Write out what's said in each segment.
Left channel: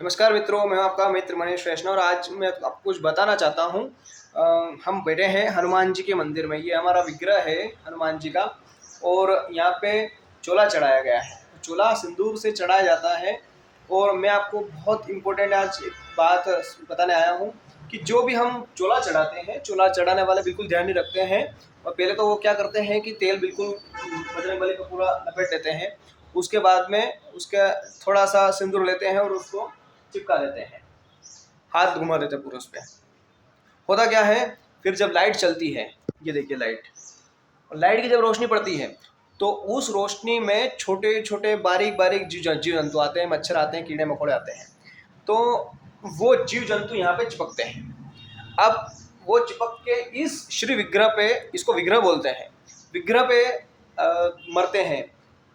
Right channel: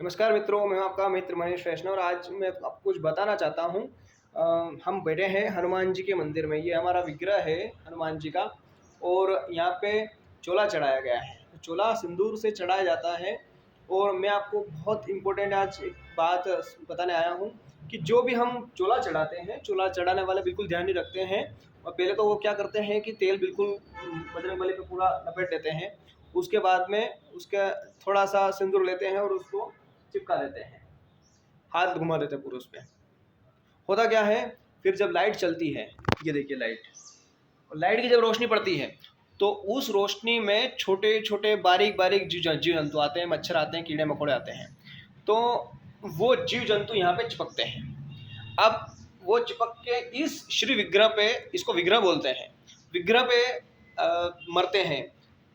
नमस्कार मित्रों, मैं आपका मित्र मनीष वैष्णव और आज मैं आपको कुछ बताना चाहता हूँ। हम बैठे हैं हनुमान जी के मंदिर में। ये हमारा विग्रह है हनुमान जी का और यहाँ पे चोला चढ़ाया गया है। चोला सिंदूर से चढ़ाया जाता है और मैं आपको बहुत इम्पोर्टेंट आज एक बात बताने आया हूँ कि जो भी हम चोला चढ़ाते हैं, चोला चढ़ाने वाले बिल्कुल ध्यान नहीं रखते हैं। और पहले तो वो क्या करते हैं कि तेल बिल्कुल बजरंगबली का पूरा लपेट देते हैं। उसके बाद में उसका थोड़ा सा सिंदूर लेते हैं और उसको चिपका देते हैं, हाथ घुमा देते हैं पूरा उस पर। होता क्या है, फिर जब लाइट चलती है, ये देखिए लाइट, और लाइट की जब रोशनी पड़ती है तो उस रोशनी में छोटे छोटे बारीक बारीक जीव जंतु आते हैं, मच्छर आते हैं, कीड़े मकोड़े आते हैं। तो वो जीव जंतु यहाँ पे चिपकते हैं। अब वो चिपक के इस श्री विग्रह पे, इसको विग्रह बोलते हैं, विग्रह पे मरते हैं।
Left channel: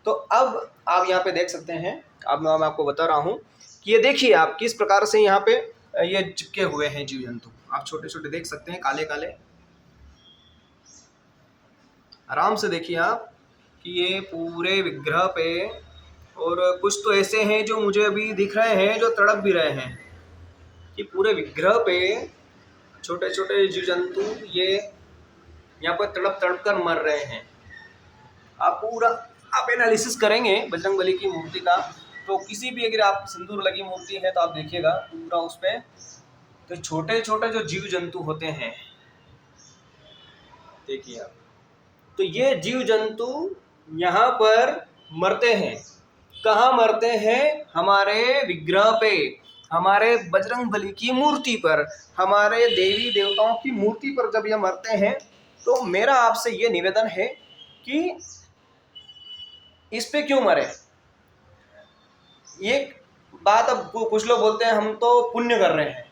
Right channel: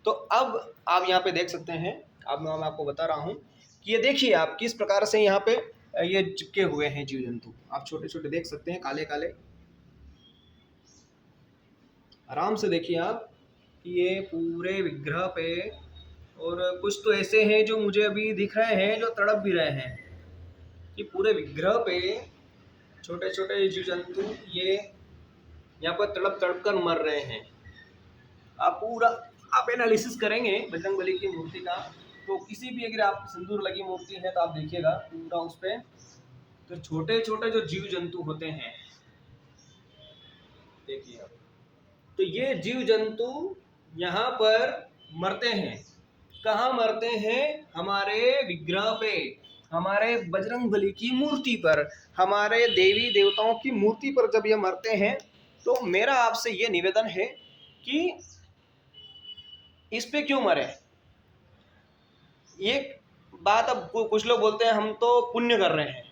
तो अब आप यहाँ पे देख सकते हैं, अब मैं आपको बता रहा हूँ कि ये देखिए आप किस प्रकार से यहाँ पे ये चिपके हुए हैं जीव जंतु। आप छोटे छोटे देख सकते हैं, काले काले। आराम से देखिए आप कि ये पूरे विग्रह पे, और कुछ तो ऐसे हैं जो मुझे अभी दिख रहे हैं जो तड़प भी रहे हैं, कि पूरे विग्रह पे छोटे छोटे जीव जंतु ये यहाँ पर तड़प तड़प कर मर रहे हैं। आप पूरा आप एनालिसिस करेंगे बजरंगबली की मूर्ति का, तो किसी भी अगर आप सिंदूर लगी मूर्ति है तो आप देखिएगा पूरा उस पर तो छोटे छोटे जो जीव जंतु होते हैं, देखिए आप, तो ये जीव जंतु यहाँ पर मरते हैं। कहाँ मरते हैं? हमारे विग्रह पे, हमारे बजरंगबली की मूर्ति पर, हमारे देवी देवताओं की मूर्ति पर जब ये मरते हैं तो मेरा आपसे ये निवेदन है कि इस पे क्यों मरे। ये बात अब कुछ लोग बोलते हैं हम तो पुण्य कर रहे हैं।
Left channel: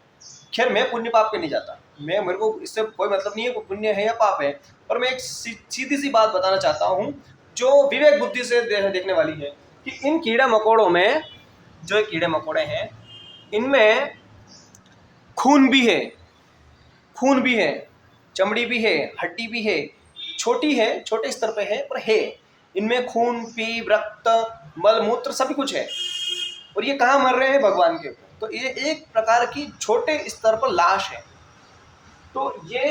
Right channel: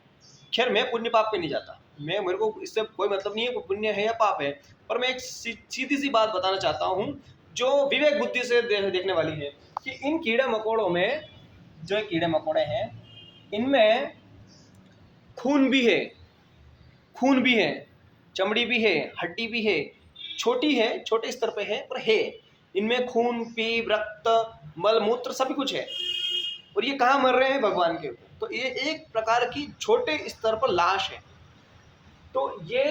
खैर, मैं पुण्य पाप पे नहीं जाता, मेरे को इससे कोई मतलब नहीं है कोई पुण्य है या पाप है, पर मैं एक सीधी सी बात बताना चाहता हूँ जो विवेक बुद्धि से देखने वाली है कि इन कीड़े मकोड़ों में, जो ये कीड़े मकोड़े हैं, इनमें खून भी है, खून भी है, चमड़ी भी है, हड्डी भी है, छोटी है, छोटे स्तर पे है पर है। इनमें खून, पीप, रक्त, मल मूत्र सभी कुछ है। और ये कहाँ मर रहे हैं? भगवान के ऊपर। तो ये एक प्रकार की छोटे स्तर पर लाश है। तो ये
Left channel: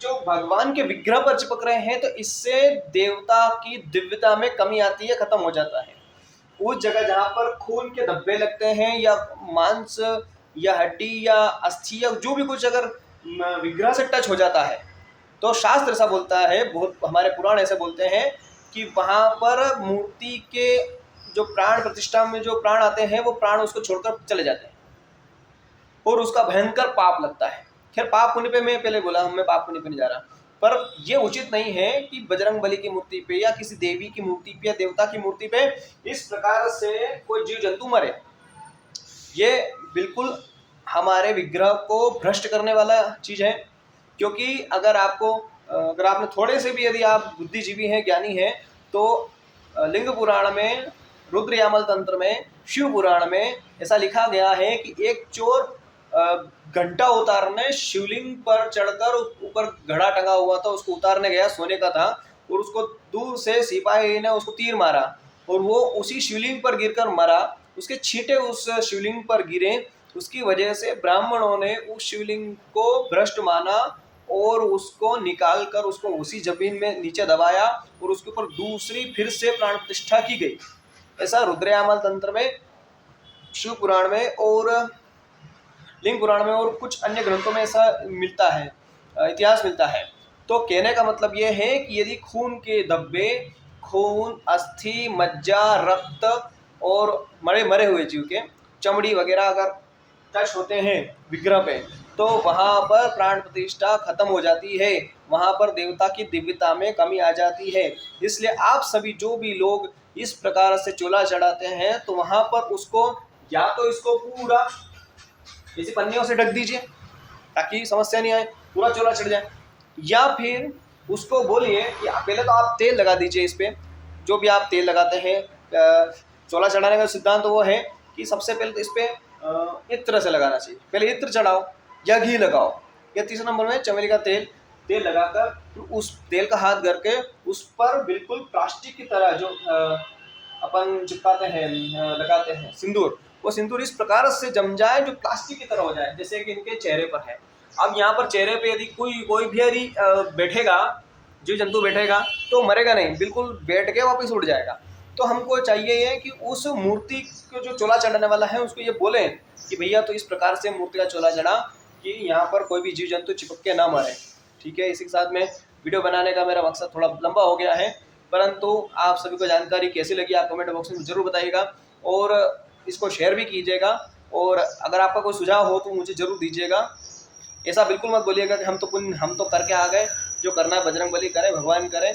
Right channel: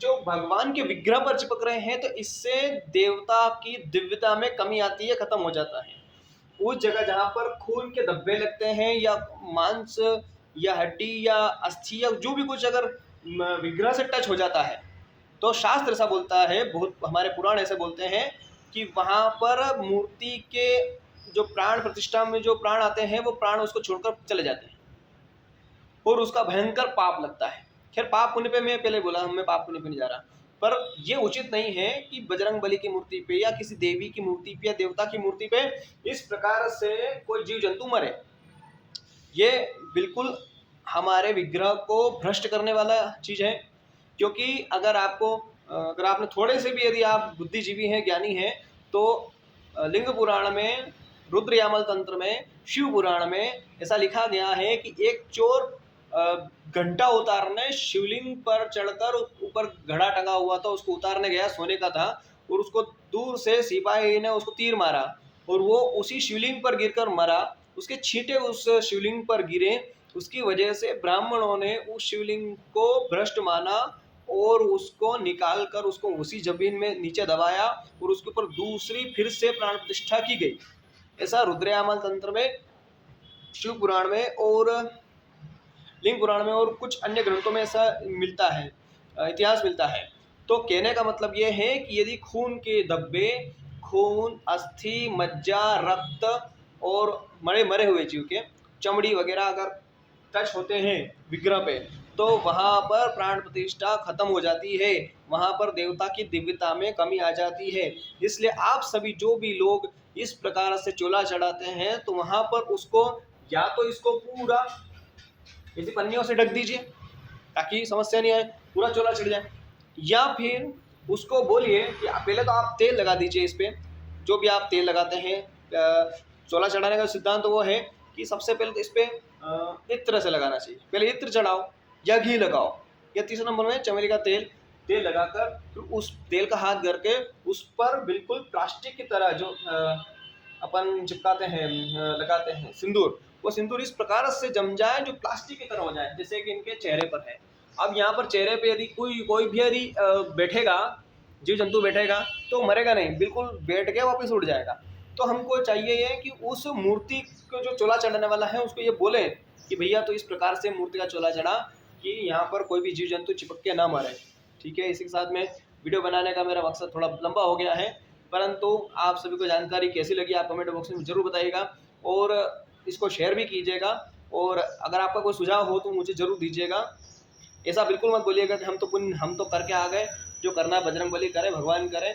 जो भगवान के विग्रह पर चिपक रहे हैं तो इससे देवता की दिव्यता में कमी आती है, खत्म हो जाता है। उस जगह जहाँ पर खून के धब्बे लगते हैं या मांस या हड्डी या अस्थि या जो भी कुछ अगर विग्रह से टच हो जाता है तो शास्त्र ऐसा बोलता है, बहुत हमारे पुराण ऐसे बोलते हैं कि वहाँ पर मूर्ति के जो प्राण प्रतिष्ठा में जो प्राण आते हैं वो प्राण उसको छोड़कर चले जाते हैं और उसका भयंकर पाप लगता है। खैर, पाप पुण्य पे मैं पहले बोला, मैं पाप पुण्य पे नहीं जा रहा, पर ये उचित नहीं है कि बजरंग बली की मूर्ति पे या किसी देवी की मूर्ति पे या देवता की मूर्ति पे इस प्रकार से कोई जीव जंतु मरे। ये बिल्कुल हमारे विग्रह को भ्रष्ट करने वाला चीज है। क्योंकि अगर आपने थोड़े से भी, यदि आप बुद्धिजीवी हैं, ज्ञानी हैं, तो लिंग पुराण में, रुद्र यामल तंत्र में, शिव पुराण में ऐसा लिखा गया है कि एक चोर घंटा उतारने शिवलिंग पर चढ़कर, ऊपर घड़ा टंगा हुआ था उसको उतारने गया, सोने का था, और उसको दूर से सिपाही ने उसको तीर मारा और वो उसी शिवलिंग पर गिरकर मरा। उसके छींटे उस शिवलिंग पर गिरे, उसकी वजह से ब्राह्मणों ने उस शिवलिंग को भ्रष्ट माना और उसको निकाल कर उसको उसी जमीन में नीचे दबाया और उसके ऊपर दूसरी फिर से प्राण प्रतिष्ठा की गई। ऐसा रुद्रयामल तंत्र में, शिव पुराण में और लिंग पुराण में और कुछ अन्य ग्रंथों में ऐसा मिलता है, इतिहास मिलता है। तो कहने का मतलब यह है कि यदि खून के धब्बे, खून, अस्थि, मज्जा, रक्त और मरे मरे हुए जीव के चमड़ी वगैरह अगर टच होते हैं विग्रह पे तो वहाँ पर प्राण प्रतिष्ठा खत्म हो जाती है, वहाँ पर देवता की दिव्यता में कमी आ जाती है। इसलिए आप सभी जो भी लोग इस प्रकार से चोला चढ़ाते हैं तो वहाँ पर उसको या तो इसको पूरा इसी पन्नियों से ढक दीजिए ताकि समस्या नहीं आए, पूरा चोला चढ़ जाए, या फिर उसको बोलिए कि पहले तो आप तेल लगा दीजिए इस पे। जो भी आप तेल लगाते हैं, चोला चढ़ाने का सिद्धांत तो वो है कि सबसे पहले तो इस पे इत्र से लगाना चाहिए। पहले इत्र चढ़ाओ या घी लगाओ, या तीसरे नंबर में चमेली का तेल लगाकर फिर उस तेल का हाथ करके उस पर बिल्कुल प्लास्टिक की तरह जो अपन चिपकाते हैं, लगाते हैं सिंदूर, वो सिंदूर इस प्रकार से जम जाए जो प्लास्टिक की तरह हो जाए, जैसे कि इनके चेहरे पर है। अब यहाँ पर चेहरे पे यदि कोई भी यदि बैठेगा, जीव जंतु बैठेगा, तो मरेगा नहीं, बिल्कुल बैठ के वापस उड़ जाएगा। तो हमको चाहिए ये कि उस मूर्ति को जो चोला चढ़ाने वाला है उसको ये बोले कि भैया तो इस प्रकार से मूर्ति का चोला चढ़ा कि यहाँ पर कोई भी जीव जंतु चिपक के ना मरे। ठीक है, इसी के साथ में वीडियो बनाने का मेरा मकसद थोड़ा लंबा हो गया है, परंतु आप सभी को जानकारी कैसी लगी आप कमेंट बॉक्स में ज़रूर बताइएगा, और इसको शेयर भी कीजिएगा। और अगर आपका कोई सुझाव हो तो मुझे ज़रूर दीजिएगा। ऐसा बिल्कुल मत बोलिएगा कि हम तो करके आ गए, जो करना है बजरंगबली करे, भगवान करे,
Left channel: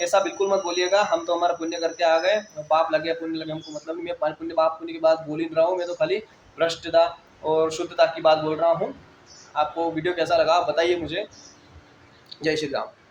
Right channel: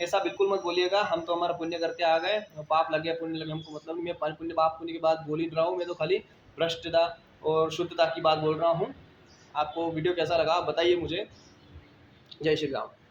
ऐसा बिल्कुल मत बोलिएगा। हम तो हमारा पुण्य करके आ गए, पाप लगे पुण्य लगे हमको मतलब नहीं। मैं पुण्य पाप पुण्य की बात बोल ही नहीं रहा हूँ, मैं तो खाली भ्रष्टता और शुद्धता की बात बोल रहा हूँ। आपको वीडियो कैसा लगा आप बताइए मुझे। जय श्री राम।